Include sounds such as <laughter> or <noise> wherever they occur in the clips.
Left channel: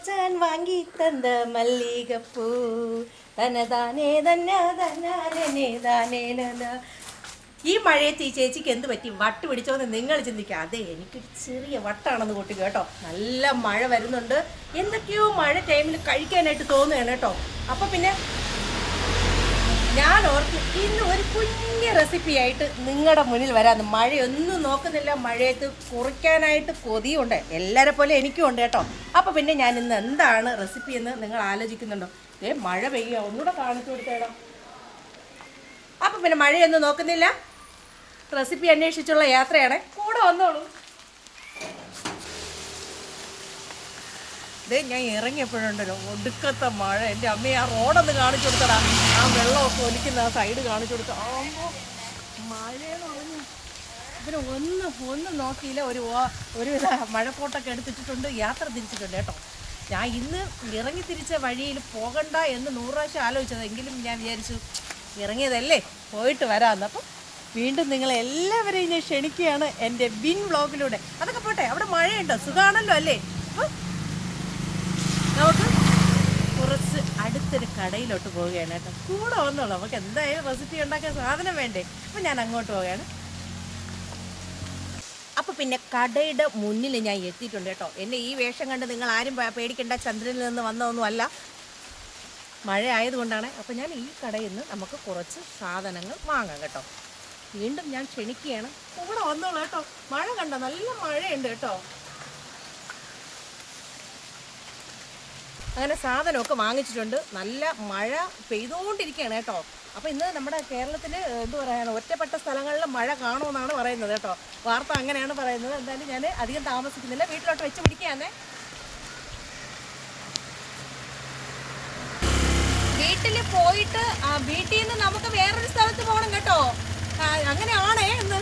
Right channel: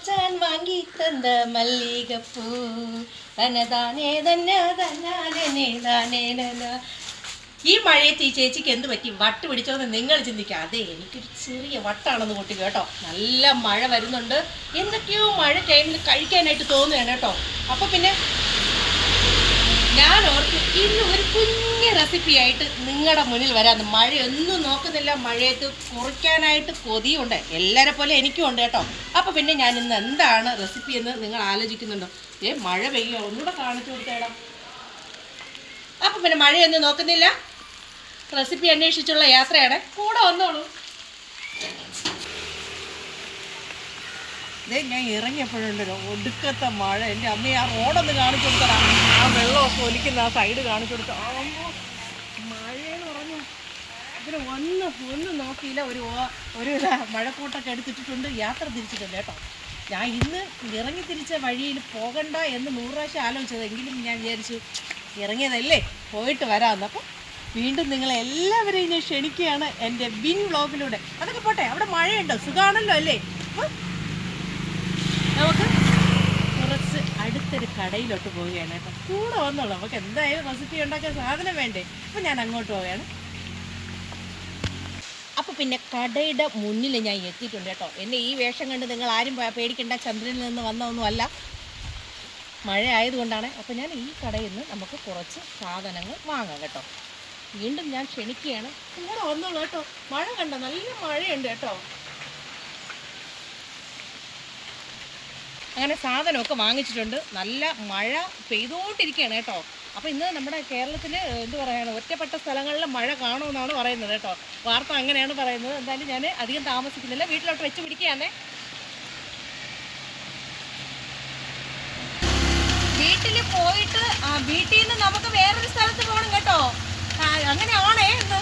മച്ചാൻ വാങ്ങി തന്ന മല്ലികപ്പൂ. തനതാനേ തന്നെ ഈ മഴയത്ത് ഈ ചേച്ചിക്ക് എന്ത് പറ്റി? വട്ട് പിടിച്ചോന്ന് നിങ്ങൾ ചിന്തിക്കുക അതെ എനിക്കൊരു ചെറിയ വട്ടാണെന്ന് കൂട്ടി കേട്ടോ. നല്ല മഴ വരുന്നുണ്ട്. എന്തൊക്കെയോ മഴ ടൈമിൽ കഴിക്കാനായിട്ട് തോന്നുകയാണ് കേട്ടോ. അപ്പൊ പിന്നെ ഞാൻ ഓർത്ത് ഇന്ന് ഒരു കുഞ്ഞ റെസിപ്പി ആയിട്ട് നിങ്ങളുടെ മുന്നിൽ വരാമെന്ന് മഴയൊന്നും നോക്കുന്നില്ല. മഴയത്ത് കുറിക്കാനായിട്ട് കൊതിയുണ്ട്. എല്ലാരെ പോലെ എനിക്കും ഉണ്ട് കേട്ടോ. അപ്പോൾ പിന്നെ ഞാൻ ഇന്ന് എന്താണ് റെസിപ്പി എന്ന് നിങ്ങൾ ആലോചിക്കുന്നുണ്ടോ? ഏ മഴ പെയ്യുക ഒന്നുകൂടെ കാണിച്ചു കൊടുത്തേടാ. അപ്പോൾ പിന്നെ മഴയൊന്നും നോക്കുന്നില്ല. റെസിപ്പി അന്വേഷിച്ചുള്ള യാത്രയാണ്. കൂടെ വന്നോളൂ. ഞാൻ ഇറങ്ങിയപ്പോഴുണ്ടല്ലോ ഒടുക്കത്തെ മഴ. എന്റെ അമ്മ ആ റോഡൊന്ന് കാണിച്ചു കൊടുത്തടാ. ആ വെള്ളമൊക്കെ ഒലിക്കുന്ന ആ സൈഡ് കാണിച്ചു കൊടുത്ത. മഴയെന്ന് പറഞ്ഞു ഇവർ ഒന്ന് ഒന്ന് നോക്കിയില്ല. ഒരു ഒരു മഴക്കോട്ടൊക്കെ എടുത്തിട്ടുണ്ട് യാത്ര തിരിച്ചിട്ടുണ്ട് കേട്ടോ. ഞാൻ ഇന്ന് ഇറങ്ങി തിരിച്ച വഴിയിൽ പോകണ്ട എന്ന് നൂറ് പ്രാവശ്യം ആലോചിച്ചത് എങ്കിലും ഞാൻ വിചാരിച്ചു ഇറങ്ങിയതല്ലേ? പോയിട്ട് വരാമെന്ന്. അപ്പം വീണ്ടും നിങ്ങൾ എല്ലാവരെയും ഞാൻ ക്ഷണിക്കുകയാണ് എന്റെ ബിൻ വ്ളോഗിലൂടെ. അതൊക്കെ പോട്ടെ അവിടെ മഴയുണ്ടോ? സുഖമാണല്ലോ അല്ലേ ഉം? നമുക്ക് കുറച്ച് അടുത്തൊരു കടയിലോട്ട് പോവുകയാണ് കേട്ടോ. കൂടെ വന്നോളൂ. നമുക്ക് എന്തായാലും റെസിപ്പി ഉണ്ടാക്കാൻ സാധനം വേണ്ടേ? അപ്പം ഞാൻ അങ്ങോട്ട് പോവുകയാണ്. അപ്പോൾ പിന്നെ കടയുടെ മുന്നിൽ ഞാൻ എത്തിയിട്ടുണ്ട് കേട്ടോ. എന്നെ ഈ വേഷം കണ്ട് നിങ്ങൾ ആരും പേടിക്കേണ്ട. ചന്ദ്രനിൽ നിന്ന് വന്നതൊന്നുമല്ല മഴ ആയതുകൊണ്ടാണ്. അപ്പോൾ ഞാൻ ഈ കടയിൽ നിന്ന് നമുക്ക് കുറച്ച് സാധനങ്ങൾ വാങ്ങാം കേട്ടോ. വീണ്ടും ഞാൻ ക്ഷണിക്കുകയാണ്. കൂടെ വന്നോളൂ കേട്ടോ. മഴ കണ്ടോ? നല്ല മഴയുണ്ട് കേട്ടോ. അങ്ങനെ സാധനമൊക്കെ വാങ്ങിച്ചിട്ടുണ്ട്. നല്ല മഴ പെയ്തുകൊണ്ടിരിക്കുകയാണ് കേട്ടോ. അപ്പോൾ ഇന്ന് നമ്മുടെ കേരളത്തിൽ എന്ത് പറയാണ് ഒറ്റപ്പെട്ട സ്ഥലങ്ങളിൽ മഴ കാണുമെന്നാണ് പറയുന്നത് കേട്ടോ. വാർത്ത അങ്ങനെയാണ് പറയുന്നത്. എന്തായാലും ഞാൻ അധികം താമസിക്കുന്നില്ല. വീട്ടിലോട്ട് വെച്ച് പിടിക്കുകയാണേ. വീട്ടിൽ പോയിട്ട് വീട്ടിൽ നിന്ന് നമുക്ക് വേറൊരു സ്ഥലത്ത് പോകണം കേട്ടോ. അങ്ങനെയാണേ ഇന്ന്.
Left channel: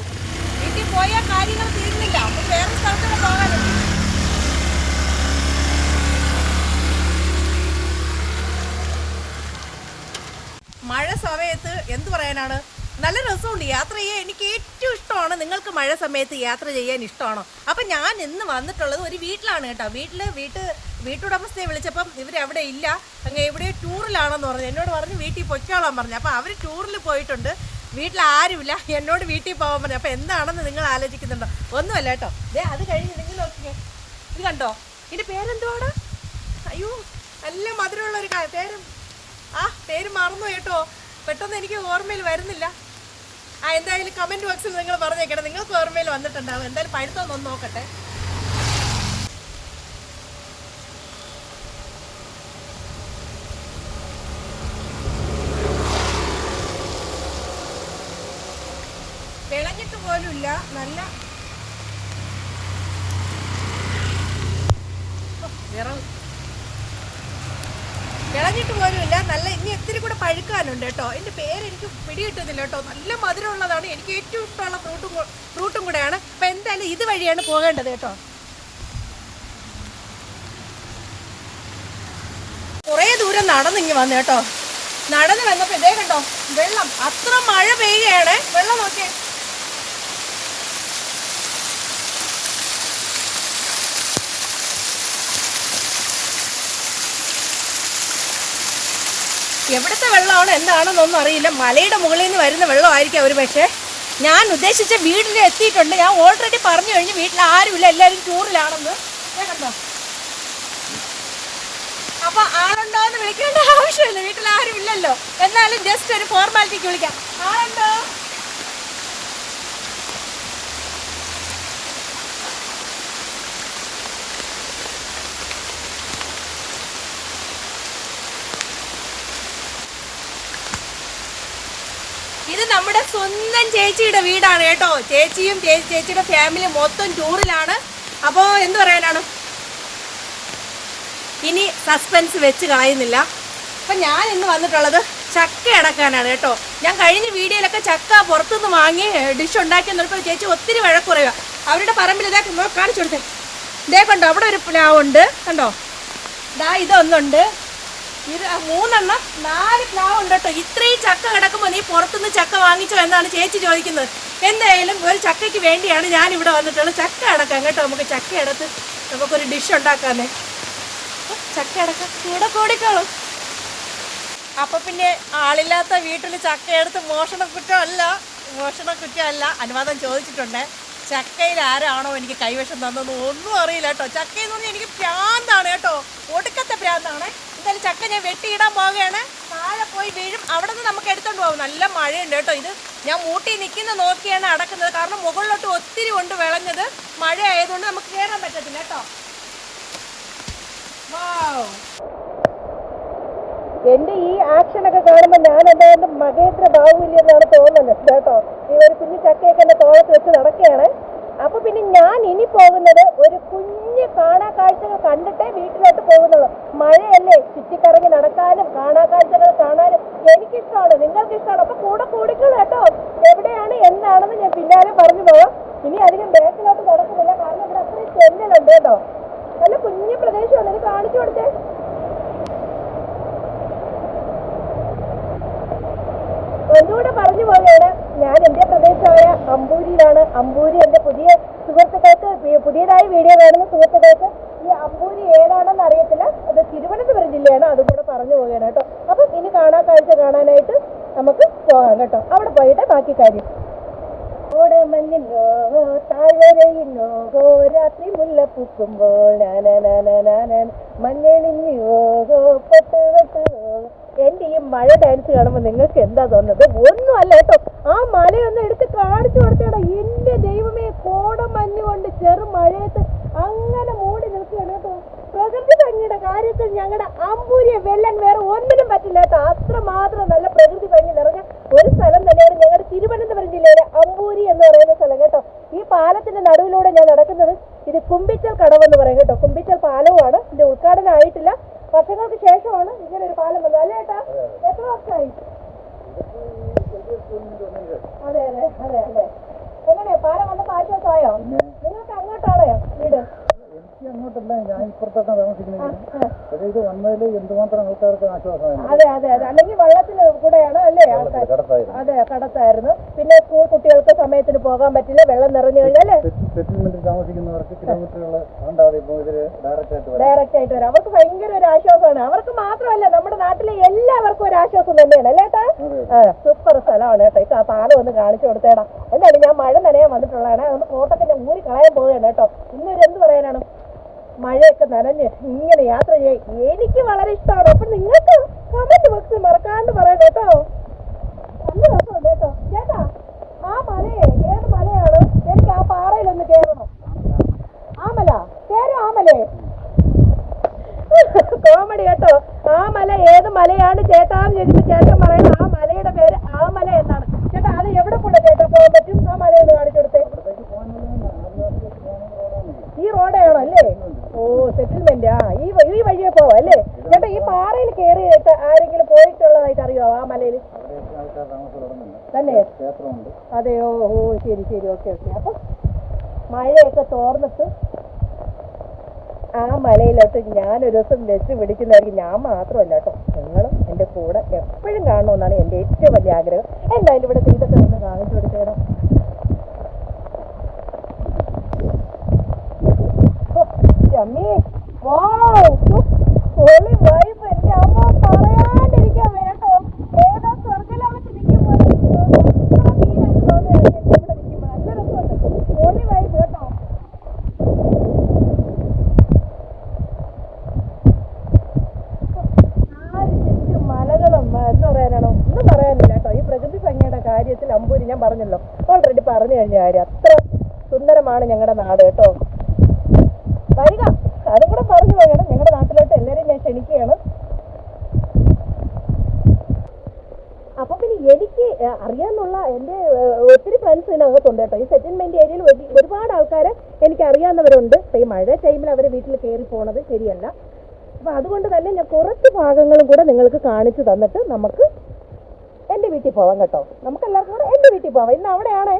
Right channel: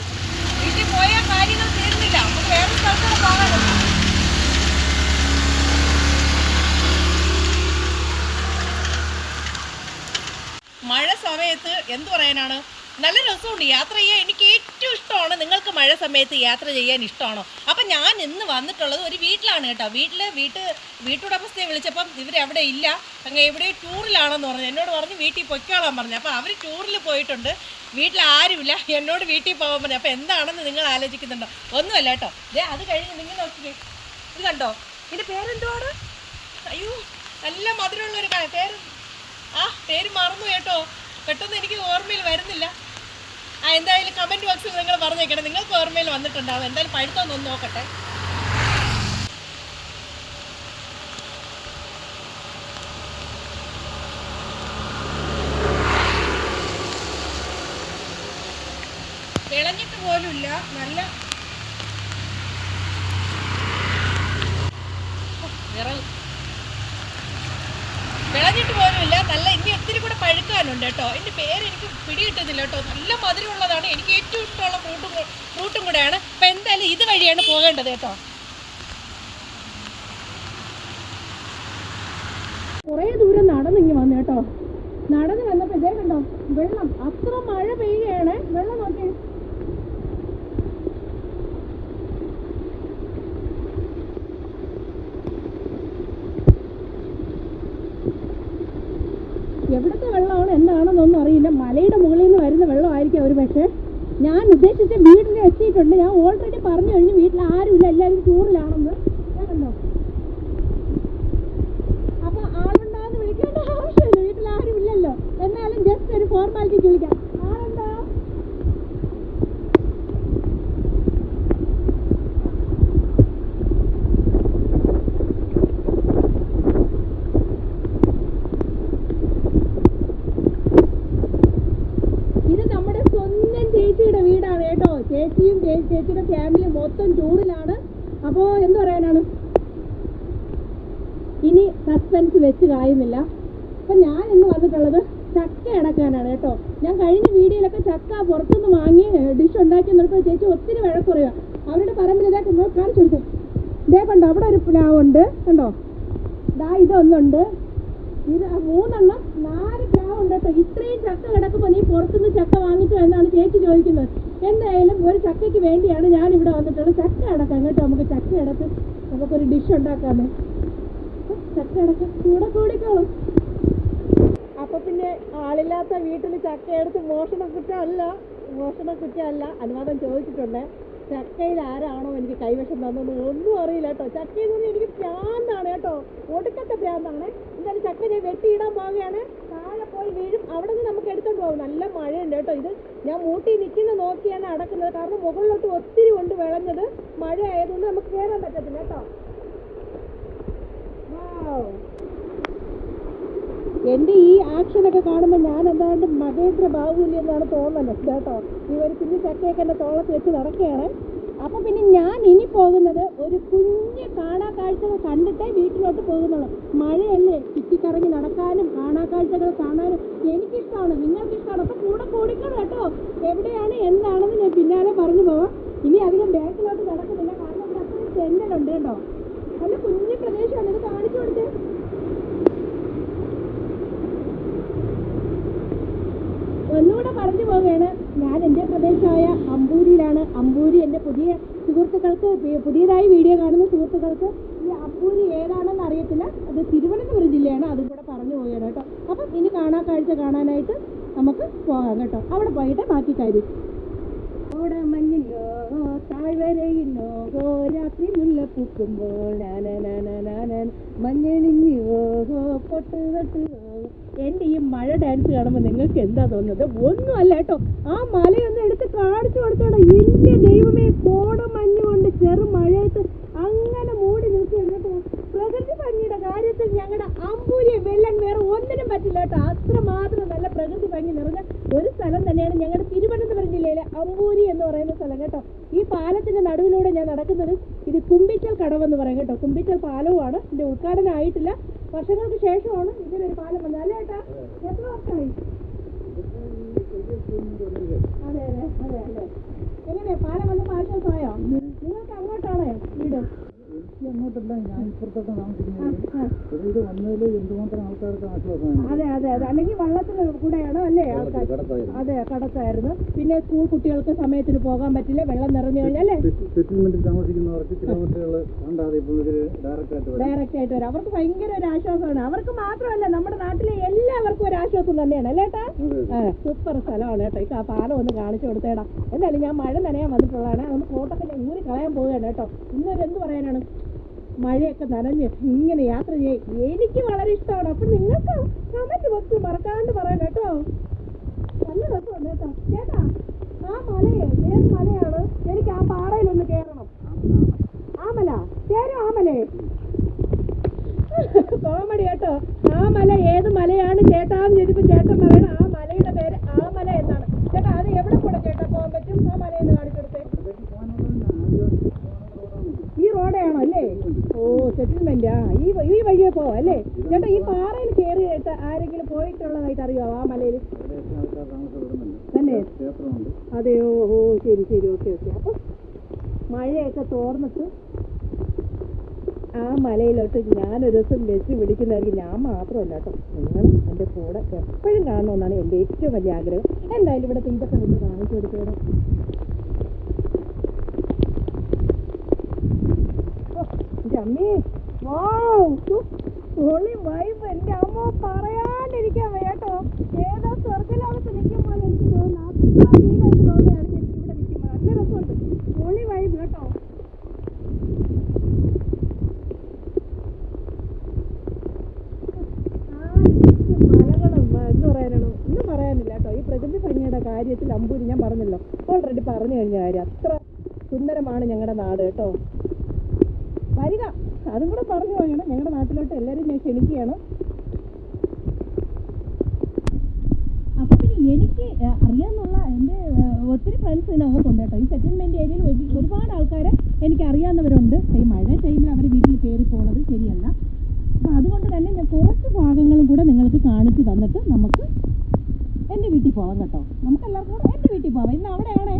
വീട്ടിൽ പോയ കാര്യങ്ങൾ തീർന്നില്ല. വേറൊരു സ്ഥലത്തോടെ പോകണം മഴ സമയത്ത് എന്ത് പറയാനാണ്? നല്ല രസമുണ്ട് യാത്ര ചെയ്യാൻ. എനിക്ക് ഏറ്റവും ഇഷ്ടമാണ് നിങ്ങൾക്ക് മഴ സമയത്ത് യാത്ര ചെയ്യാൻ ഇഷ്ടമാണോ? അപ്പം ഞാൻ ഇന്ന് വന്നിട്ടുള്ളത് ഒരു വീട്ടിലാണ് കേട്ടോ. വീട്ടിൽ വീട്ട് വീട്ടുടമസ്ഥയെ വിളിച്ചപ്പം ഇവരവിടെ ഇല്ല. അങ്ങ് എവിടെയോ ടൂറിലാണെന്ന് പറഞ്ഞു. എന്നോട് പറഞ്ഞു വീട്ടിൽ പൊയ്ക്കോളാൻ പറഞ്ഞു. അപ്പം അവർ ടൂറിൽ പോയിട്ടുണ്ട്. വീട്ടിൽ ആരുമില്ല. എന്നോട് വീട്ടിൽ പോകാൻ പറഞ്ഞു. അപ്പം എന്താണെന്ന് നിങ്ങൾ ആലോചിക്കുന്നുണ്ടോ? ഒന്നുമല്ല കേട്ടോ. ദേ അത് കഴിഞ്ഞ് നിങ്ങൾ നോക്കിക്കേ. ഇത് കണ്ടോ? ഇതിന്റെ പേരെന്തുവാണ്? അയ്യോ നല്ല മധുരമുള്ള ഒരു പേര് ആ പേര് മറന്നു കേട്ടോ. പെട്ടെന്ന് എനിക്ക് ഓർമ്മയിൽ വരുന്നില്ല. ആ എന്തായാലും കമന്റ് ബോക്സിൽ നിങ്ങൾ പറഞ്ഞേക്കണം. നിങ്ങൾക്ക് ഓർമ്മയിൽ വന്നിട്ടുണ്ടാവും. എന്തായാലും പഴുത്തൊന്ന് നോക്കട്ടെ. വിളഞ്ഞിട്ട് പോലുമില്ല നല്ല ഓ, വിറവ് വിളഞ്ഞിട്ട് പോലുമില്ല നല്ല ഇനി ഒത്തിരി കൂടെ പഴുക്കാനുണ്ട് കേട്ടോ. എന്റെ പേര് എനിക്ക് പിടികിട്ടുന്നില്ല കേട്ടോ. നല്ല മധുരമുള്ളതാണ്. എനിക്ക് ഏറ്റവും ഇഷ്ടമുള്ള ഫ്രൂട്ടും ഫ്രൂട്ടും കൂടെയാണ്. അപ്പം എന്തായാലും ഇത് വഴിയാണ് പോകേണ്ടത് കേട്ടോ. കുറേ ദൂരം നടന്നിങ്ങി വന്നു കേട്ടോ. നടന്ന് വന്നപ്പോൾ ഇതേ കണ്ടോ? വെള്ളം. അത്ര മഴ പെയ്യുകയാണ്. വെള്ളം നോക്കിയേ. എവിടുത്തെ വെള്ളമാണ് എന്താണെന്നൊന്നും അറിയില്ല. മലയുടെ മുകളിൽ നിന്ന് വരുന്ന വെള്ളമായിരിക്കും അവർ പക്ഷേ. ഞാൻ ഉദ്ദേശിച്ച വീട്ടിൽ എത്തിയിട്ടുണ്ട്. ഞാൻ ഓൾറെഡി പറഞ്ഞു കഴിഞ്ഞ് വീട്ടിൽ ആരുമില്ല എല്ലാവരും ടൂറിലാണെന്ന് കേട്ടോ അപ്പൊ ആളുണ്ടോ എന്ന് വിളിക്കേണ്ട ആവശ്യമില്ല. വീട്ടിൽ ആരും ഇല്ലല്ലോ എന്നാലും ജസ്റ്റ് ഒരു ഫോർമാലിറ്റിക്ക് വിളിക്കാം ആളുണ്ടോ ഇത് നമ്മുടെ സ്വന്തം ചേച്ചിയുടെ വീടാണ് കേട്ടോ. ചേച്ചിയും ചേച്ചിയുടെ ഫാമിലി മൊത്തം ടൂറിലാണ് അപ്പോ എന്ത് പറയാനാണ്? ഇനി സസ്പെൻസ് വെച്ച് കായുന്നില്ല അപ്പം ഞാൻ ഇന്ന് വന്നിട്ടുള്ളത് ചക്ക അടക്കാനാണ് കേട്ടോ. ഞാൻ കഴിഞ്ഞ വീഡിയോയിലൊക്കെ ചക്ക പുറത്തുനിന്ന് വാങ്ങി ഡിഷ് ഉണ്ടാക്കി എന്നിട്ട് ചേച്ചി ഒത്തിരി വഴക്കുറയുക അവരുടെ പറമ്പിൽ ഇതാ കാണിച്ചു കൊടുത്തേ. ഇതേ കണ്ടോ അവിടെ ഒരു പ്ലാവ് ഉണ്ട്. കണ്ടോ? ഇതാ ഇതൊന്നുണ്ട്. ഇത് മൂന്നെണ്ണം നാല് പ്ലാവ് ഉണ്ട് കേട്ടോ. ഇത്രയും ചക്ക കിടക്കുമ്പോൾ നീ പുറത്തുനിന്ന് ചക്ക വാങ്ങിച്ചോ എന്നാണ് ചേച്ചി ചോദിക്കുന്നത്. എന്തായാലും ഒരു ചക്കയ്ക്ക് വേണ്ടിയാണ് ഞാൻ ഇവിടെ വന്നിട്ടുള്ളത്. ചക്ക അടക്കാം കേട്ടോ. നമുക്ക് ചക്ക അടത്ത് നമുക്കൊരു ഡിഷ് ഉണ്ടാക്കാമേ. ചക്ക അടക്കം കൂടെ കൂടിക്കോളും. അപ്പൊ പിന്നെ ആളില്ലാത്ത വീട്ടിൽ ചക്ക എടുത്ത് മോഷണ കുറ്റമല്ല. മോഷണ കുറ്റമല്ല. അനുവാദം ചോദിച്ചിട്ടുണ്ട്. ചക്കയിൽ ആരാണോ എനിക്ക് കൈവശം തന്നെന്ന് ഒന്നും അറിയില്ല കേട്ടോ. ചക്കയിൽ നിന്ന് എനിക്ക് ഭ്രാന്താണ് കേട്ടോ. ഒടുക്കത്തെ ഭ്രാന്താണ് എന്തായാലും ചക്ക ഞാൻ വെട്ടിയിടാൻ പോവുകയാണ്. താഴെ പോയി വീഴും. അവിടെ നിന്ന് നമുക്ക് എടുത്തോണ്ട് പോകും നല്ല മഴയുണ്ട് കേട്ടോ ഇത്. ഞാൻ മൂട്ടി നിൽക്കുന്ന നോക്കിയാണ് അടക്കുന്നത്. കാരണം മുകളിലോട്ട് ഒത്തിരി കൊണ്ട് വിളഞ്ഞത് മഴ ആയതുകൊണ്ട് നമുക്ക് കയറാൻ പറ്റത്തില്ല കേട്ടോ. എന്റെ ഈ ആക്ഷൻ ഒക്കെ കാണുമ്പോൾ ഞാൻ എന്തായാലും മഹേന്ദ്ര ബാഹുല്യം എന്നാണ് തോന്നുന്നത് കേട്ടോ. ഈ ഒരു കുഞ്ഞു ചക്കയൊക്കെ എന്റെ തോളത്ത് വെച്ച് നടക്കുകയാണ്. അപ്പൊ പിന്നെ ഞാൻ ഇനി പോകുന്നത് ഒരു കുഞ്ഞു കാണാ കാഴ്ചകൾ കണ്ടിട്ടേ വീട്ടിലോട്ട് പോകുന്നുള്ളൂ. മഴയല്ലേ ചുറ്റിക്കറങ്ങി നടക്കാനും കാണാ കാഴ്ചകൾ കാണാനും എനിക്കിഷ്ടമാണ് നിങ്ങൾക്ക് ഇഷ്ടമാണ് അപ്പൊ കൂടെ കൂടിക്കൾ കേട്ടോ. എവിടെയാണ് എന്താണെന്ന് ഞാൻ പിന്നാലെ പറഞ്ഞു പോകാം ഇനി അധികം ബാക്കിലോട്ട് നടക്കുന്നില്ല. കാരണം ഇവിടെ ചെല്ലുന്നുണ്ട് കേട്ടോ. നല്ല കുഞ്ഞു പ്രദേശമാണ്. ഇത് കാണിച്ചു കൊടുത്തേ. ഒന്നുകൂടെ പറഞ്ഞു പോവുകയാണ് ഞാൻ എന്റെ പ്രദേശമായ അമ്പൂരിയിലാണ്. അമ്പൂരി എന്റെ പുതിയ സുഹൃത്തുക്കൾക്ക് പുതിയതായ വീഡിയോ കാണുന്ന സുഹൃത്തുക്കൾക്ക് ഈ അമ്പൂരി ഏതാണെന്ന് അറിയത്തില്ല. അത് തിരുവനന്തപുരം ജില്ലയാണ് അതും കൂടെ പറഞ്ഞു പോവുകയാണ് കേട്ടോ. അപ്പം ഇനി കാണാൻ കാഴ്ച കാണാനായിട്ട് നമുക്ക് പോകാം കേട്ടോ. അവിടെ പോയിട്ട് ബാക്കി കാര്യം. ഓടമഞ്ഞിനോ താഴ്വരയിനോ രാത്രി മുല്ല പൂക്കുമ്പോൾ മഞ്ഞണിഞ്ഞോ പൊട്ട് പൊട്ട് എന്റെ ഈ മഴ ഡാൻസ് കാണുമ്പോൾ നിങ്ങൾക്ക് എന്താ തോന്നുന്നത്? ഒന്നും അല്ല കേട്ടോ. ആ മലയൊന്ന് എടുത്ത് കാണിച്ചു കൊടുത്തേടാ. എന്റെ ദൈവമേ കോട മഞ്ഞ് കൊണ്ട് ചെറു മഴയത്ത് അങ്ങനെ മൂടി നിൽക്കുകയാണ് കേട്ടോ. പ്രകൃതി ഭംഗിയുടെ കാര്യത്തിൽ ഞങ്ങളുടെ അമ്പൂരിയെ വെള്ളം വേറെ ഒന്നിനും പറ്റില്ല കേട്ടോ. അത്ര മാത്രം നല്ല പ്രകൃതി ഭംഗി നിറഞ്ഞ ഒരു സ്ഥലം തന്നെയാണ് ഞങ്ങളുടെ തിരുവനന്തപുരം ജില്ലയിലെ അമ്പൂരി എന്ന് പറയുന്ന സ്ഥലം കേട്ടോ. ഈ പാലത്തിന്റെ നടുവിലൂടെ ഞാൻ നടക്കുന്നത് ഇത് കുമ്പിറ്റൽ കടവ് എന്ന് കേട്ടോ. കുമ്പിറ്റൽ പാലവുമാണ്. ഇതിന്റെ ഉദ്ഘാടനം ആയിട്ടില്ല. വർഷങ്ങൾക്ക് ശേഷമാണ് ഇങ്ങനെ ഒരു പാലം വന്നത്. അല്ലേ ഏട്ടാ? എത്ര വർഷമായി? അതെ അതെ അതെ അതെ. എങ്ങനെയാ? പാലം വന്നപ്പോ ആശ്വാസമായോ? നിങ്ങൾക്ക് അങ്ങോട്ടാണോ വീട്? അതെ അതെ അതെ. അല്ലെങ്കിൽ വള്ളത്തിന് കൂടെയാണ് അല്ലേ ആൾക്കാർ അതെ കടത്തായിരുന്നു. പിന്നെ സ്കൂൾ കുട്ടികൾക്ക് സമയത്തിന് പോകാൻ പറ്റില്ല. വെള്ളം നിറഞ്ഞു കഴിഞ്ഞാൽ ഡയറക്റ്റ് ആയിട്ട് വരാം. അവർക്ക് ഭയങ്കര ഒരു ആശ്വാസമാണ്. അവർക്ക് മാത്രമല്ല നമ്മുടെ നാട്ടിലെ എല്ലാവർക്കും ഒരു ആശ്വാസം തന്നെയാണ് അല്ലേ ഏട്ടാ? സൂപ്പർ സ്ഥലമാണ് കേട്ടോ ഈ പാലം ഒന്ന് കാണിച്ചു കൊടുത്തേടാ. എന്തായാലും ഞാൻ മഴ നനയാൻ വന്നിട്ടുള്ളതാണ്. അതൊന്ന് കോട്ടത്തിന്റെ ഊരി കളയാൻ പോവുകയാണ് കേട്ടോ. ഇന്നൊരു എന്ത് പറയാനാണ്? മഴയൊക്കെ നനഞ്ഞ് ഇങ്ങനെ യാത്ര ചെയ്യാൻ എനിക്ക് വളരെ ഇഷ്ടമാണ്. അപ്പൊ നിങ്ങൾക്ക് കമന്റ് ബോക്സിൽ മറക്കാണ്ട് പറയാം കേട്ടോ നല്ല രസമുണ്ട് കേട്ടോ ചേട്ടാ ആ മലയെ ഏത് മലയാണ് എനിക്ക് ആ പാറയിലൊന്ന് കയറണം ആമല കേരോ ആമലേ കോമഡി കേട്ടോ ആ മല ഏത് മലയാണ് ചേട്ടാന്ന് ചോദിച്ചപ്പോ ചേട്ടൻ പറയണം ആ മലയുടെ പേര് ആമല എന്നാണ് ചേട്ടാ അത് എവിടെ കൂടെ ചേട്ടാ പോകാൻ പറ്റും ആ മല ഒന്ന് കാണിച്ചു കൊടുത്തേ ഇവിടേക്ക് പോകാനുള്ള ആദിവാസി പോകുന്ന റോഡാണ് ഈ റോഡാണോ അല്ലേ ഓ സെറ്റിൽമെന്റ് ആ ഈ വഴി- ഈ വഴിയെ പോവാം അല്ലേ ചേട്ടാ ഈ പാറയിൽ കയറി ആരെങ്കിലും പോയിട്ടുള്ളതായിട്ട് അറിയാവോ ആ മലയിൽ ക്ഷേത്രമുണ്ട്. അതെയോ? ഓ ശരി ശരി. Okay okay. അപ്പൊ മഴയൊക്കെ തോർന്നിട്ട് ആ മലയിലോട്ട് ഞാനൊരു ദിവസം ബസ് പിടിക്കുന്നതായിരിക്കും ഞാൻ മാത്രമല്ല കേട്ടോ. നിങ്ങളും എന്റെ കൂടെ എപ്പോഴും കാണണമെന്നാണ് എന്റെ ഏറ്റവും വലിയ ആഗ്രഹം. എന്തായാലും ഇവിടെ ഇതൊക്കെ ഒന്ന് കാണിച്ചു കൊടുത്തേടോ. ചമ്മി ഹോളി വൈബ് എന്റെ അമ്മ പറയാണ്ടിരിക്കാൻ വേട്ടോ ഏതോ സ്വർഗലോകത്ത് നിൽക്കും പോലെ അടിയിലേക്ക് തോന്നുകയാണ് എനിക്ക് ഇവിടെ നിൽക്കുമ്പോൾ നല്ല രസമുണ്ട് ഹോളി വൈബ് കേട്ടോ നാല് ചുറ്റും മലകളും ആ, എന്ന് പറയാനാണോ ഒന്നും പറയാനില്ല കേട്ടോ ഈ പ്രകൃതി ഭംഗിയുടെ കാര്യത്തിൽ അമ്പൂരി ഞാൻ പറഞ്ഞല്ലോ. ഓൾറെഡി പറഞ്ഞു സുന്ദരമാണ് ഞങ്ങളുടെ നാട് കേട്ടോ. വരിക. അതും കൂടെ പറഞ്ഞു പോകണം. ഞങ്ങളുടെ നാട്ടിലോട്ട് എല്ലാവരെയും ഞാൻ ക്ഷണിക്കുകയാണ് അപ്പൊ പിന്നെ അറിയാന്നുള്ള എന്റെ ഒത്തിരി ഫ്രണ്ട്സ് ഇതിനകത്തുണ്ട് കേട്ടോ. ഈ സെറ്റിൽമെന്റ് ഏരിയയിൽ ഒരുപാട് ആൾക്കാർ എനിക്ക് അറിയാവുന്നവരുണ്ട്. ഈ മഴ ടൈമിൽ അവർ വീട്ടിൽ കയറി പോണത് ശരിയല്ല. അപ്പൊ അതുകൊണ്ട് തന്നെ ഞാൻ കുറച്ച് ഭാഗങ്ങളും കൂടെ നിങ്ങൾക്ക് കാണിച്ചു തന്നിട്ട് നമുക്ക് എന്റെ വീട്ടിൽ പോവാം കേട്ടോ. നമുക്ക് എല്ലാവർക്കും കൂടെ എന്റെ വീട്ടിൽ പോവാം. ഇന്ന് അവിടെയാണ്?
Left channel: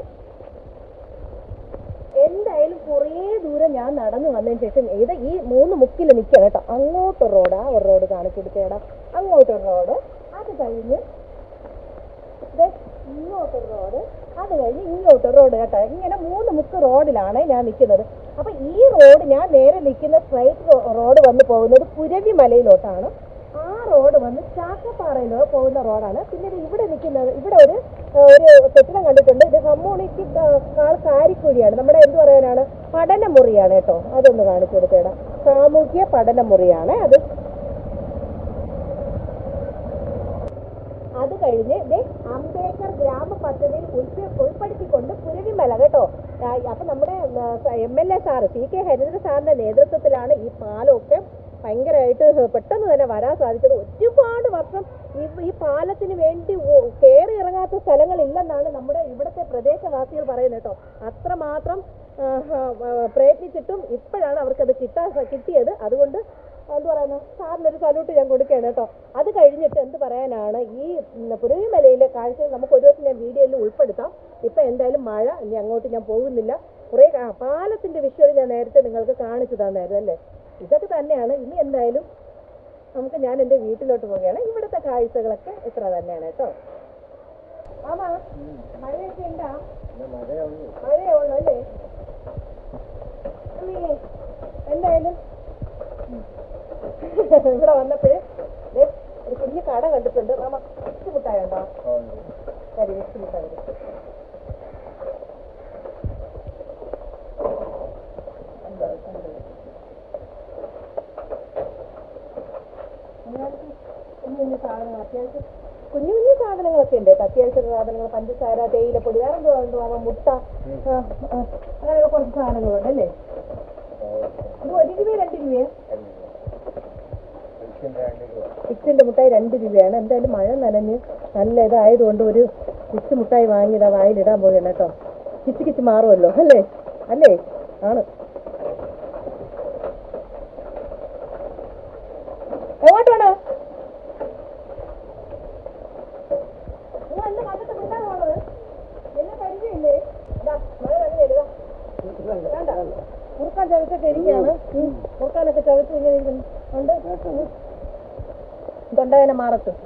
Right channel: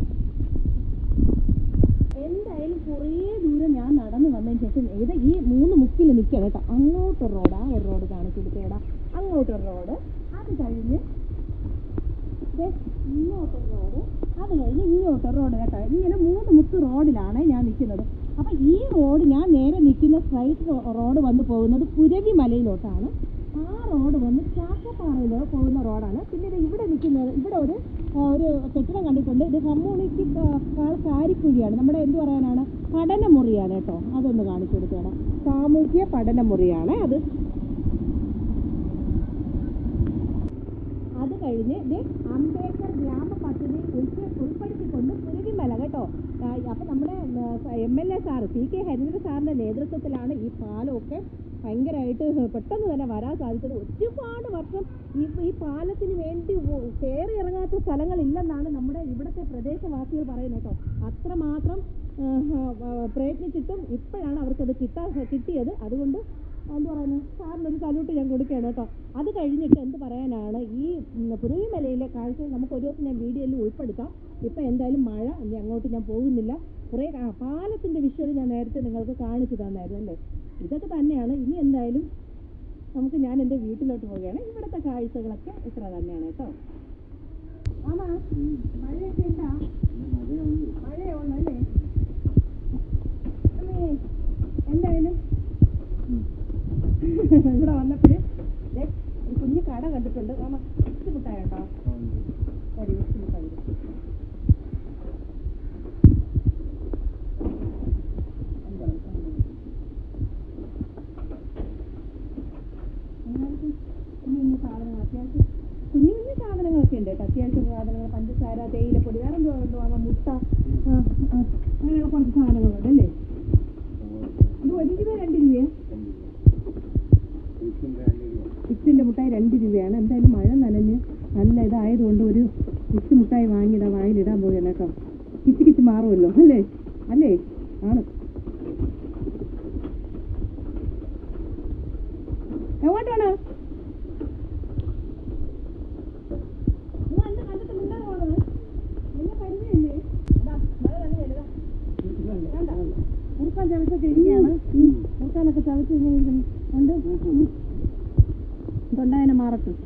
എന്തായാലും കുറേ ദൂരം ഞാൻ നടന്നു വന്നതിന് ശേഷം ഇത് ഈ മൂന്ന് മുക്കിൽ നിൽക്കുക കേട്ടോ. അങ്ങോട്ടൊരു റോഡ് ആ ഒരു റോഡ് കാണിച്ചു കൊടുക്കേടാ അങ്ങോട്ടൊരു റോഡ് അത് കഴിഞ്ഞ് ഇങ്ങോട്ട് റോഡ് അത് കഴിഞ്ഞ് ഇങ്ങോട്ട് റോഡ് കേട്ടോ. ഇങ്ങനെ മൂന്ന് മുക്ക് റോഡിലാണ് ഞാൻ നിൽക്കുന്നത് അപ്പം ഈ റോഡ് ഞാൻ നേരെ നിൽക്കുന്ന സ്ട്രൈറ്റ് റോഡ് വന്ന് പോകുന്നത് പുരവി മലയിലോട്ടാണ്. ആ റോഡ് വന്ന് ചാക്കപ്പാറയിലോ പോകുന്ന റോഡാണ് പിന്നെ ഇവിടെ നിൽക്കുന്നത് ഇവിടെ ഒരു ഒരു കെട്ടിടം കണ്ടിട്ടുണ്ട്. ഇത് കമ്മ്യൂണിറ്റി കാരിക്കുഴിയാണ്. നമ്മുടെ എന്ത് പറയാനാണ്? പഠനമുറിയാണ് കേട്ടോ. അതൊന്ന് കാണിച്ചു കൊടുത്തേടാം. സാമൂഹ്യ പഠനമുറിയാണ് അത്. അത് കഴിഞ്ഞ് ദേ അംബേദ്കർ ഗ്രാമ പദ്ധതിയിൽ ഉൾപ്പെ- ഉൾപ്പെടുത്തിക്കൊണ്ട് പുരവിമല കേട്ടോ. അപ്പൊ നമ്മുടെ M L A sir C K Hareendra സാറിന്റെ നേതൃത്വത്തിലാണ് ഈ പാലമൊക്കെ ഭയങ്കരമായിട്ട് പെട്ടെന്ന് തന്നെ വരാൻ സാധിച്ചത്. ഒരുപാട് വർഷം ഈ ഈ പാലത്തിന് വേണ്ടി കയറി ഇറങ്ങാത്ത സ്ഥലങ്ങളില്ലെന്നാണ് നമ്മുടെ ഇവിടുത്തെ പ്രദേശവാസികൾ പറയുന്നത് കേട്ടോ. അത്രമാത്രം പ്രയത്നിച്ചിട്ടും ഇപ്പോഴാണ് അവർക്കത് കിട്ടാ കിട്ടിയത്. അതുകൊണ്ട് എന്ത് പറയുന്നു? സാറിനൊരു സല്യൂട്ട് ഞാൻ കൊടുക്കുകയാണ് കേട്ടോ. അത് കഴിഞ്ഞിട്ട് എന്ത് പറയാനാണ്? ഈ പുരവിമലയിലെ കാഴ്ച നമുക്ക് ഒരു ദിവസം ഞാൻ വീഡിയോയിൽ ഉൾപ്പെടുത്താം. ഇപ്പം എന്തായാലും മഴ ഇനി അങ്ങോട്ട് ഞാൻ പോകുന്നില്ല. കുറേ പാലത്തിന്റെ വിഷ്വൽ ഞാൻ നേരത്തെ നിങ്ങൾക്ക് കാണിച്ചു തന്നായിരുന്നു അല്ലേ? ഇതൊക്കെ തന്നെയാണ്. ഇനി എന്തായാലും നമുക്ക് ഞാൻ എന്റെ വീട്ടിലോട്ട് പോവുകയാണ്. ഇവിടുത്തെ കാഴ്ചകളൊക്കെ ഇത്ര തന്നെയാണ് കേട്ടോ. ആമാ മഴയൊക്കെ ഉണ്ടാ? മഴയേ ഉള്ളൂ അല്ലേ അമ്മേ, എന്തായാലും ഇവിടെ വന്നപ്പോൾ ഒരു കുഞ്ഞു കട കണ്ടിട്ടുണ്ട്. മാമ ഇച്ചിരി മുട്ടായ ഇച്ചിരി മുട്ടായി. കുഞ്ഞു? കുഞ്ഞു സാധനങ്ങളൊക്കെ ഉണ്ട് അത്യാവശ്യ സാധനങ്ങൾ പഞ്ചസാര തേയിലപ്പൊടി വേറെ എന്തോ എന്തോ മുട്ട അങ്ങനെയുള്ള കുറച്ച് സാധനങ്ങളുണ്ട് അല്ലേ? ഇത് ഒരു രൂപയോ രണ്ട് രൂപയോ ഇച്ചിന്റെ മുട്ടായി രണ്ട് രൂപയാണ്. എന്തായാലും മഴ നനഞ്ഞ് നല്ല ഇതായതുകൊണ്ട് ഒരു ഇച്ചി മുട്ടായി വാങ്ങിയതാ വായിലിടാൻ പോവുകയാണ് കേട്ടോ. കിച്ച് കിച്ച് മാറുമല്ലോ അല്ലേ? അല്ലേ? ആണ്. എങ്ങോട്ടാണ് മഴ നനഞ്ഞല്ലേ വേണ്ട. മുറുക്കാൻ ചവച്ചൊക്കെ ഇരിക്കുകയാണ്. ഉം. മുറുക്കാനൊക്കെ ചവച്ച് ഇങ്ങനെ ഉണ്ട്. തൊണ്ടവേന മാറത്തും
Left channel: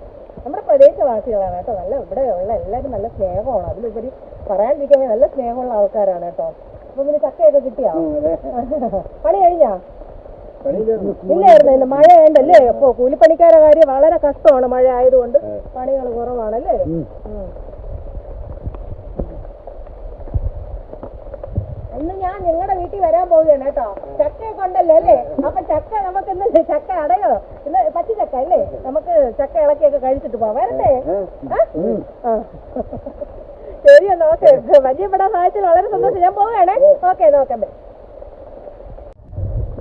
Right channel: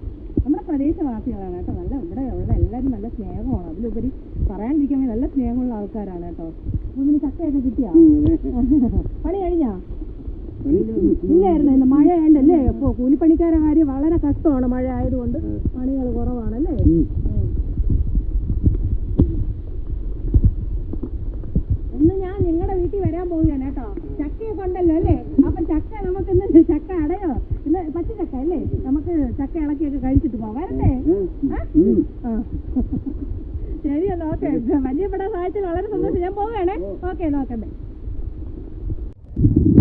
നമ്മുടെ പ്രദേശവാസികളാണ് കേട്ടോ. നല്ല ഇവിടെ ഉള്ള എല്ലാവരും നല്ല സ്നേഹമാണ്. അതിലുപരി പറയാണ്ടിരിക്കാൻ നല്ല സ്നേഹമുള്ള ആൾക്കാരാണ് കേട്ടോ. അപ്പൊ പിന്നെ ചക്കയൊക്കെ കിട്ടിയാ? പണി കഴിഞ്ഞാ? ഇല്ലായിരുന്നു ഇന്ന് മഴ ഉണ്ടല്ലേ അപ്പൊ കൂലിപ്പണിക്കാരെ കാര്യം വളരെ കഷ്ടമാണ് മഴ ആയതുകൊണ്ട്. പണികൾ കുറവാണല്ലേ? ഇന്ന് ഞാൻ നിങ്ങളുടെ വീട്ടിൽ വരാൻ പോവുകയാണ് കേട്ടോ. ചക്കയൊക്കെ ഉണ്ടല്ലോ അല്ലേ? അപ്പൊ ചക്ക നമുക്ക് ഇന്ന് ചക്ക അടയോ? ഇന്ന് പച്ച ചക്ക അല്ലേ? നമുക്ക് ചക്ക ഇളക്കിയൊക്കെ കഴിച്ചിട്ട് പോവാം. വരട്ടെ. ഓക്കെ. പരിചയപ്പെടാൻ സാധിച്ചത് വളരെ സന്തോഷം. ഞാൻ പോവുകയാണേ. ഓക്കെ നോക്കാം ബൈ.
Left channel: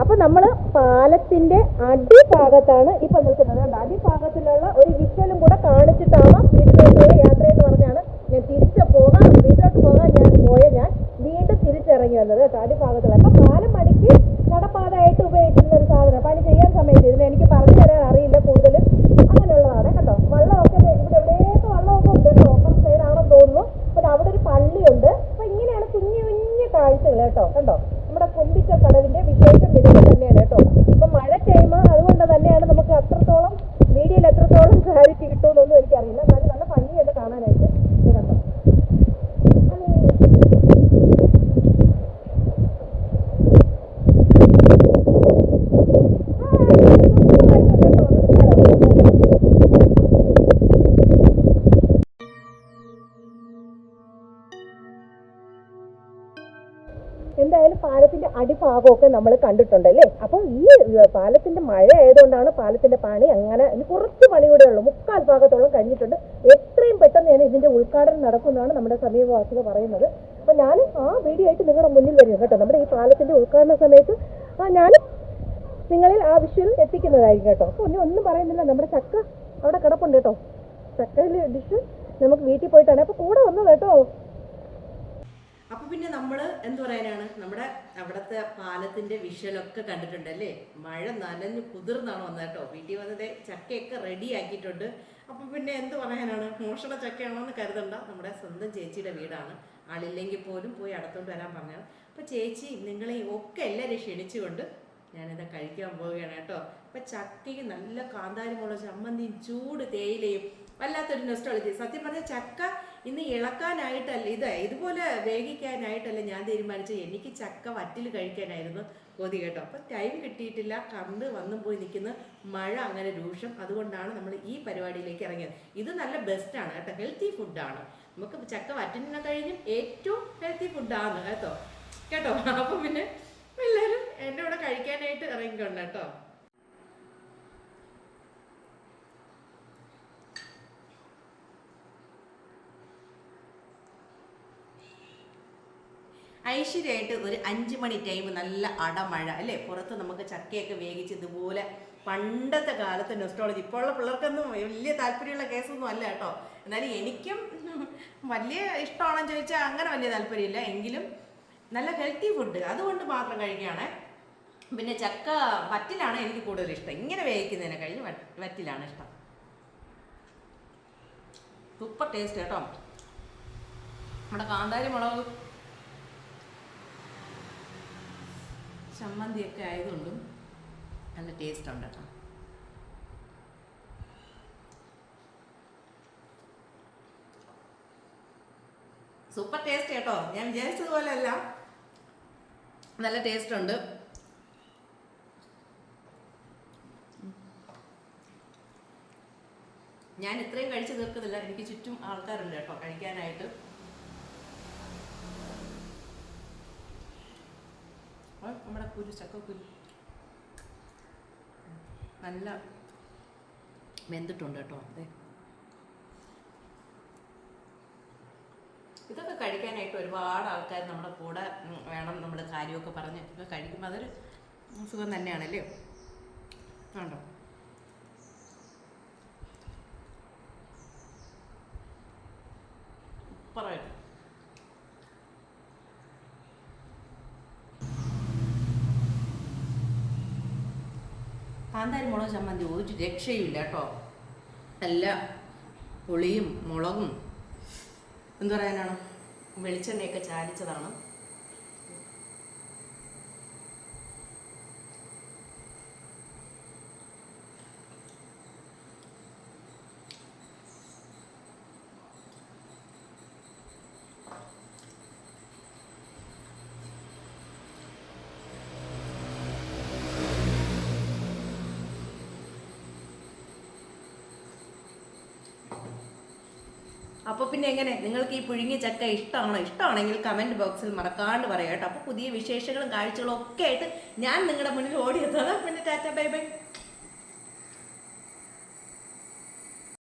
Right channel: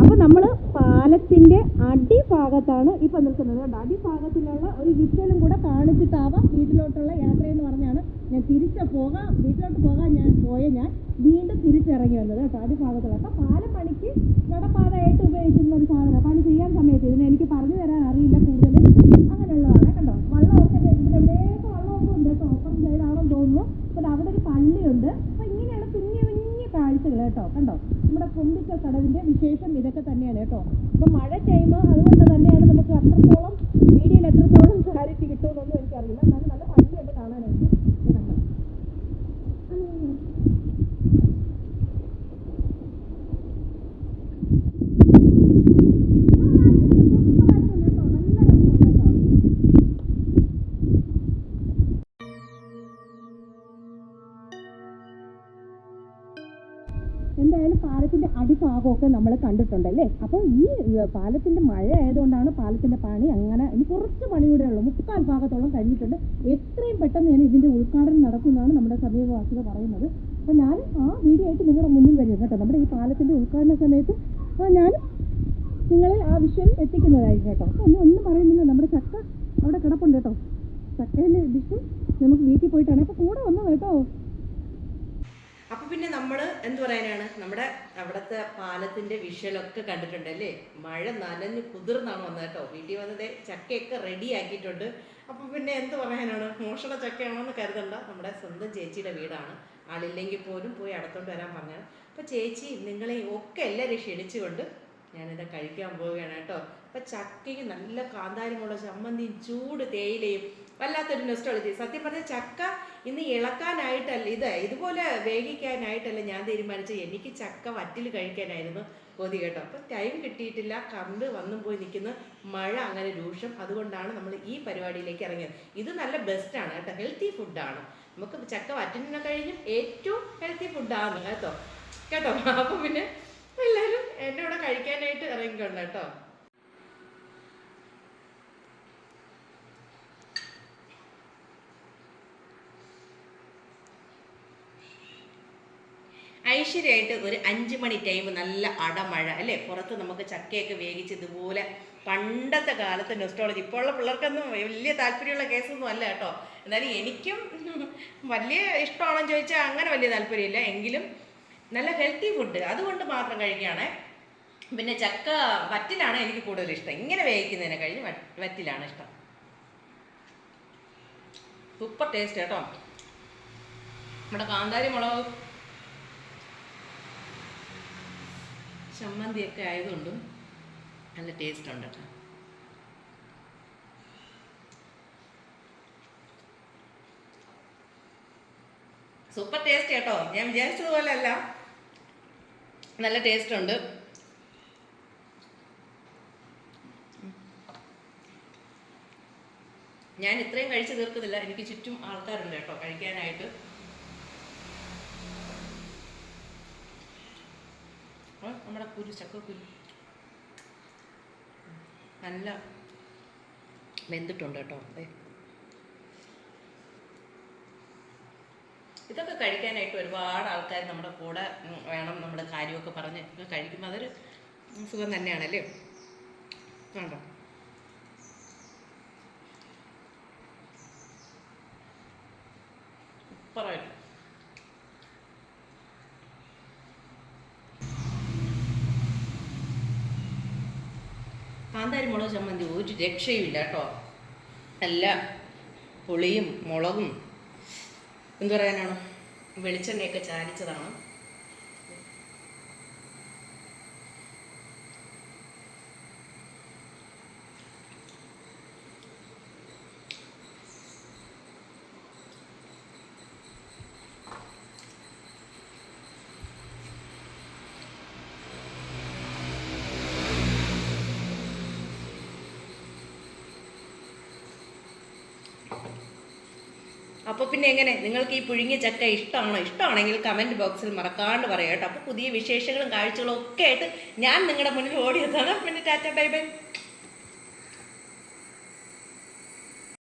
അപ്പൊ നമ്മൾ പാലത്തിന്റെ അടിഭാഗത്താണ് ഇപ്പൊ നിൽക്കുന്നത്. കണ്ടോ? അടിഭാഗത്തിലുള്ള ഒരു വിഷ്വലും കൂടെ കാണിച്ചിട്ടാവാം വീട്ടിലോട്ടുള്ള യാത്ര എന്ന് പറഞ്ഞാണ് ഞാൻ തിരിച്ചു പോകാം. വീട്ടിലോട്ട് പോകാൻ ഞാൻ പോയ ഞാൻ. വീണ്ടും തിരിച്ചിറങ്ങി വന്നത് കേട്ടോ അടിഭാഗത്തുള്ള അപ്പൊ പാലം പണിക്ക് നടപ്പാതായിട്ട് ഉപയോഗിച്ചിരുന്ന ഒരു സാധനം. പണി ചെയ്യാൻ സമയത്ത് ഇതിന് എനിക്ക് പറഞ്ഞു തരാൻ അറിയില്ല കൂടുതലും. അങ്ങനെയുള്ളതാണ് കേട്ടോ. വള്ളമൊക്കെ ഇവിടെ എവിടെയൊക്കെ വള്ളമൊക്കെ ഉണ്ട് കേട്ടോ. ഓപ്പൺ സൈഡ് ആണെന്ന് തോന്നുന്നു. അപ്പൊ അവിടെ ഒരു പള്ളിയുണ്ട്. അപ്പൊ ഇങ്ങനെയാണ് കുഞ്ഞു കുഞ്ഞു കാഴ്ചകൾ കേട്ടോ. കണ്ടോ? നമ്മുടെ കൊമ്പിച്ച കടവിന്റെ വിശേഷം ഇതൊക്കെ തന്നെയാണ് കേട്ടോ. അപ്പൊ മഴ ചെയ്യുമ്പോൾ അതുകൊണ്ട് തന്നെയാണ് നമുക്ക് അത്രത്തോളം മീഡിയയിൽ എത്രത്തോളം <laughs> ക്ലാരിറ്റി കിട്ടുമെന്നൊന്നും എനിക്കറിയില്ല. എന്നാലും നല്ല എന്തായാലും പാലത്തിന്റെ അടിഭാഗമൊക്കെ നമ്മൾ കണ്ടിട്ടുണ്ട് അല്ലേ? അപ്പൊ ഈ പാലത്തിന്റെ മഴ ആയതുകൊണ്ടാണ് പാലത്തിന്റെ പണി അങ്ങനെ ഇനി കുറച്ച് പണി കൂടെ ഉള്ളൂ. മുക്കാൽ ഭാഗത്തോളം കഴിഞ്ഞിട്ടുണ്ട്. എത്രയും പെട്ടെന്ന് തന്നെ ഇതിന്റെ ഉദ്ഘാടനം നടക്കുന്നതാണ് നമ്മുടെ സമീപവാസികൾ പറയുന്നത്. അപ്പൊ ഞാൻ ആ വീഡിയോ ആയിട്ട് നിങ്ങളുടെ മുന്നിൽ വരും കേട്ടോ. നമ്മുടെ ഈ പാലത്തിന്റെ ഉദ്ഘാടന സമയത്ത്. ഞാൻ നിങ്ങളിൽ ആ വിഷ്വൽ എത്തിക്കുന്നതായിരിക്കും കേട്ടോ. അപ്പൊ ഇനി ഒന്നും പറയുന്നില്ല. നമ്മുടെ ചക്ക അവിടെ കിടപ്പുണ്ട് കേട്ടോ. ചക്കയിലെ ഡിഷ് നമുക്ക് വീട്ടിൽ പോയിട്ടാണ്. അപ്പൊ കൂടെ വന്നത് കേട്ടോ. അപ്പൊ പിന്നെ നമ്മൾ എന്ത് പറയാനാണ്? നമ്മുടെ അവിടുത്തെ വിഷ്വലൊക്കെ കണ്ടിട്ടുണ്ട് അല്ലേ? മഴ നനഞ്ഞ് കുതിർന്നാണ് വന്നത് കേട്ടോ. വീട്ടിൽ വന്നത് ചക്കയൊക്കെ റെഡി ആക്കിയിട്ടുണ്ട്. അപ്പൊ പിന്നെ എന്ത് പറയാനാണ്? മോഷണ ചക്കയാണോന്ന് കരുതണ്ട. നമ്മുടെ സ്വന്തം ചേച്ചിയുടെ വീടാണ്. ആളില്ലെങ്കിൽ പോലും പോയി അടത്തോണ്ട് വരാൻ പറഞ്ഞാണ് അപ്പൊ ചേച്ചി നിങ്ങളെ ഒക്കെ എല്ലാവരും ക്ഷണിച്ചുകൊണ്ട് ഞാനിത് കഴിക്കാൻ പോവുകയാണ് കേട്ടോ. അപ്പൊ ചക്കയും നല്ല കാന്താരിമുള്ള ചമ്മന്തിയും ചൂട് തേയിലയും വല്ലാത്തൊരു നെസ്റ്റോളജി സത്യം പറഞ്ഞാൽ ചക്ക ഇന്ന് ഇളക്കാനായിട്ടല്ല ഇത് ഇതുപോലെ വേവിക്കാനായിട്ടല്ല ഞാൻ തീരുമാനിച്ചത്. എനിക്ക് ചക്ക വറ്റിൽ കഴിക്കാനായിരുന്നു കൊതി കേട്ടോ. അപ്പം ടൈം കിട്ടിയിട്ടില്ല. കമ്പ് വന്നു പോയി നിൽക്കുന്ന. മഴ അങ്ങനെ രൂക്ഷം. അതുകൊണ്ടാണ് നമ്മൾ ഈ പരിപാടിയിലേക്ക് ഇറങ്ങിയത്. ഇത് നല്ല ബെസ്റ്റാണ് കേട്ടോ. ഹെൽത്തി ഫുഡാണ് നമുക്ക് ചക്ക വറ്റിനെ കഴിഞ്ഞും ഏറ്റവും ഹെൽത്തി ഫുഡാണ് കേട്ടോ. കേട്ടോ? അപ്പം പിന്നെ എല്ലാവരും എന്നെ ഇവിടെ കഴിക്കാനായിട്ട് ഇറങ്ങിക്കൊണ്ട് കേട്ടോ. ഐശ്വര്യമായിട്ട് ഒരു അഞ്ച് മണി ടൈം നല്ല അടമഴ അല്ലേ? പുറത്ത് നമുക്ക് ചക്കയൊക്കെ വേവിച്ച് ഇതുപോലെ പണ്ടത്തെ കാലത്തെ നെസ്റ്റോളജി ഇപ്പോഴുള്ള പിള്ളേർക്കൊന്നും വലിയ താല്പര്യമുള്ള കേസൊന്നും അല്ല കേട്ടോ. എന്നാലും എനിക്കും വലിയ ഇഷ്ടമാണെന്ന് ചോദിച്ചാൽ അങ്ങനെ വലിയ താല്പര്യമില്ല. എങ്കിലും നല്ല ഹെൽത്തി ഫുഡ് അതുകൊണ്ട് മാത്രം കഴിക്കുകയാണേ. പിന്നെ ചക്ക വറ്റിലാണ് എനിക്ക് കൂടുതൽ ഇഷ്ടം. ഇങ്ങനെ വേവിക്കുന്നതിനെ കഴിഞ്ഞ് വറ്റിലാണ് ഇഷ്ടം. സൂപ്പർ ടേസ്റ്റ് കേട്ടോ. നമ്മുടെ കാന്താരി മുളക് ചമ്മന്തിയൊക്കെ ആയതുകൊണ്ടും നല്ല ടേസ്റ്റ് ഉണ്ട് കേട്ടോ. സൂപ്പർ ടേസ്റ്റ് കേട്ടോ. ഞാൻ വിചാരിച്ചതുപോലെ അല്ല നല്ല ടേസ്റ്റ് ഉണ്ട്. ഞാൻ ഇത്രയും കഴിച്ചു തീർക്കുന്നില്ല എനിക്ക് ചുറ്റും ആൾക്കാരുണ്ട് കേട്ടോ കഴിക്കാനായിട്ട്. നമ്മുടെ കുരു ചക്കക്കുരു നല്ല വെന്തിട്ടുണ്ട് കേട്ടോ. അതെ ഇതൊക്കെ കഴിക്കാനായിട്ട് ഒരുപാട് ആൾക്കാർ നമ്മുടെ കൂടെ വേണം നമ്മുടെ കാര്യമൊക്കെ പറഞ്ഞ് കഴിക്കുമ്പോൾ അതൊരു സുഖം തന്നെയാണല്ലേ ആണോ? സൂപ്പറായിട്ട് കാന്താരി മുളക് ചമ്മന്തി ഒരു രക്ഷയുമില്ല കേട്ടോ. നല്ല പുളിയും മുളകും. എന്തു പറയാനാണ്? വെളിച്ചെണ്ണയൊക്കെ ചാലിച്ചതാണ് അപ്പോൾ പിന്നെ എങ്ങനെ? നിങ്ങൾക്ക് ഈ പുഴുങ്ങിയ ചക്ക ഇഷ്ടമാണോ ഇഷ്ടമാണെങ്കിൽ കമന്റ് ബോക്സിൽ മറക്കാണ്ട് പറയാം കേട്ടോ. അപ്പോൾ പുതിയ വിശേഷങ്ങളും കാഴ്ചകളും ഒക്കെ ആയിട്ട് ഞാൻ നിങ്ങളുടെ മുന്നിൽ ഓടിയെത്താണ് പിന്നെ ടാറ്റ ബൈ ബൈ.